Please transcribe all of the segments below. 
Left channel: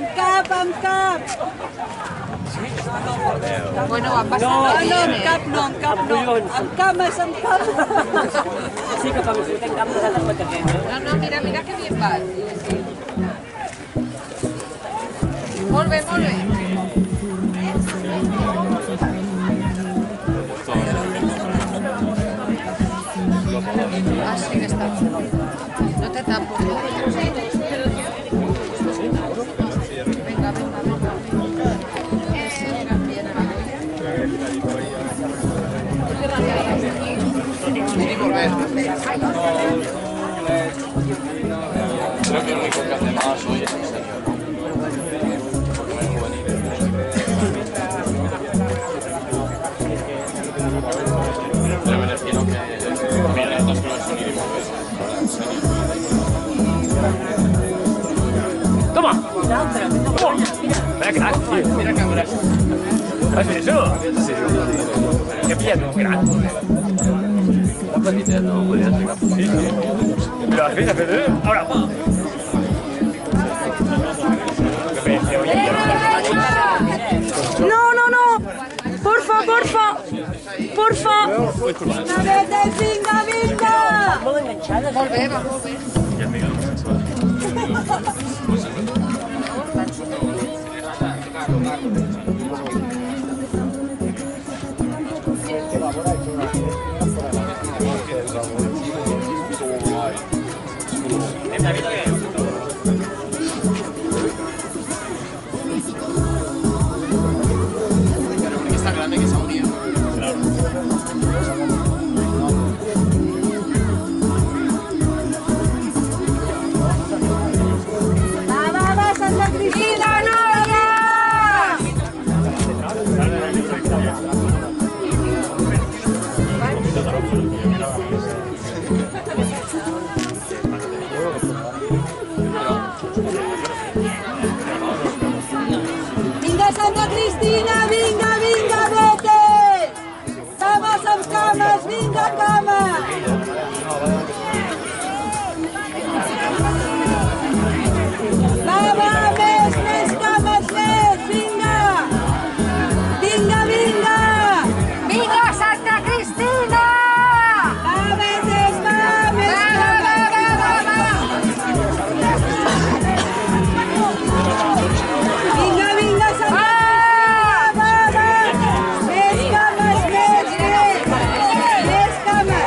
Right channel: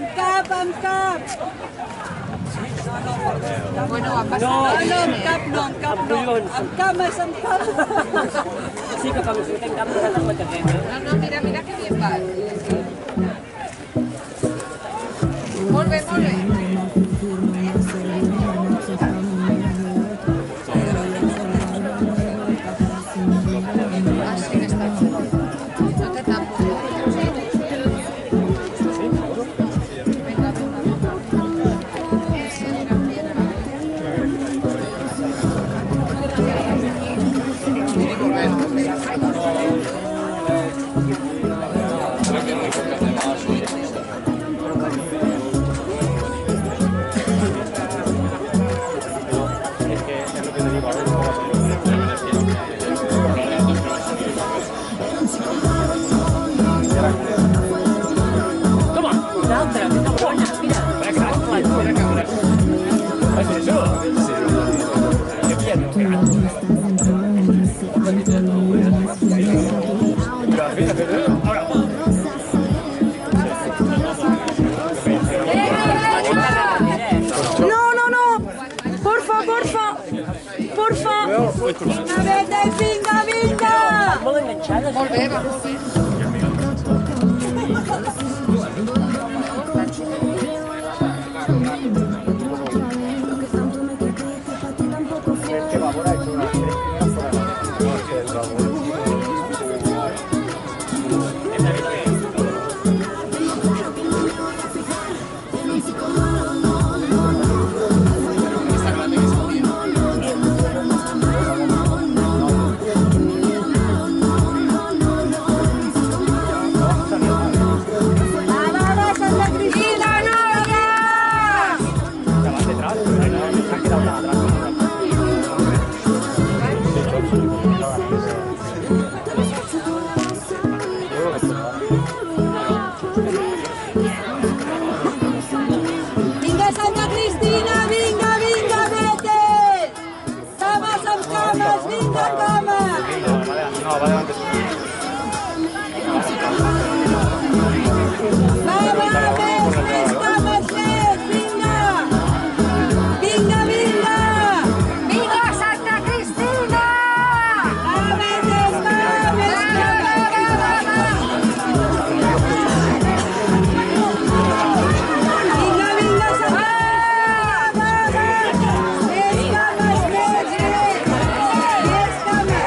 Amb cap, amb cap. Bueno, va passar. No, amb cap no, amb cap no. Amb cames, amb cames. Sí que com si ten cap posat en la carrera. No, mira que bien vas. Molt bé, molt bé. Ah, sí que està. No té tampo. Venga. Toma, una altra. Toma, mira. Mira que gras. Has vist això? Sí. Que pillet, gran. Mira, fes, ahora. No. Porfa. Vinga, vete, vinga. Molt enganxades. Molt bé, va molt bé. Vinga, Santa Cristina, vinga, vete! Cames amb cames, vinga, cames! Va, més cames, vinga! Vinga! Vinga, Santa Cristina! Cames, més cames! Vinga, Santa Cristina, més cames!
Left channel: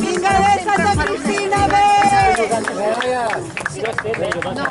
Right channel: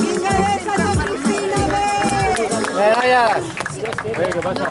Vinga, Santa Cristina, Gracias.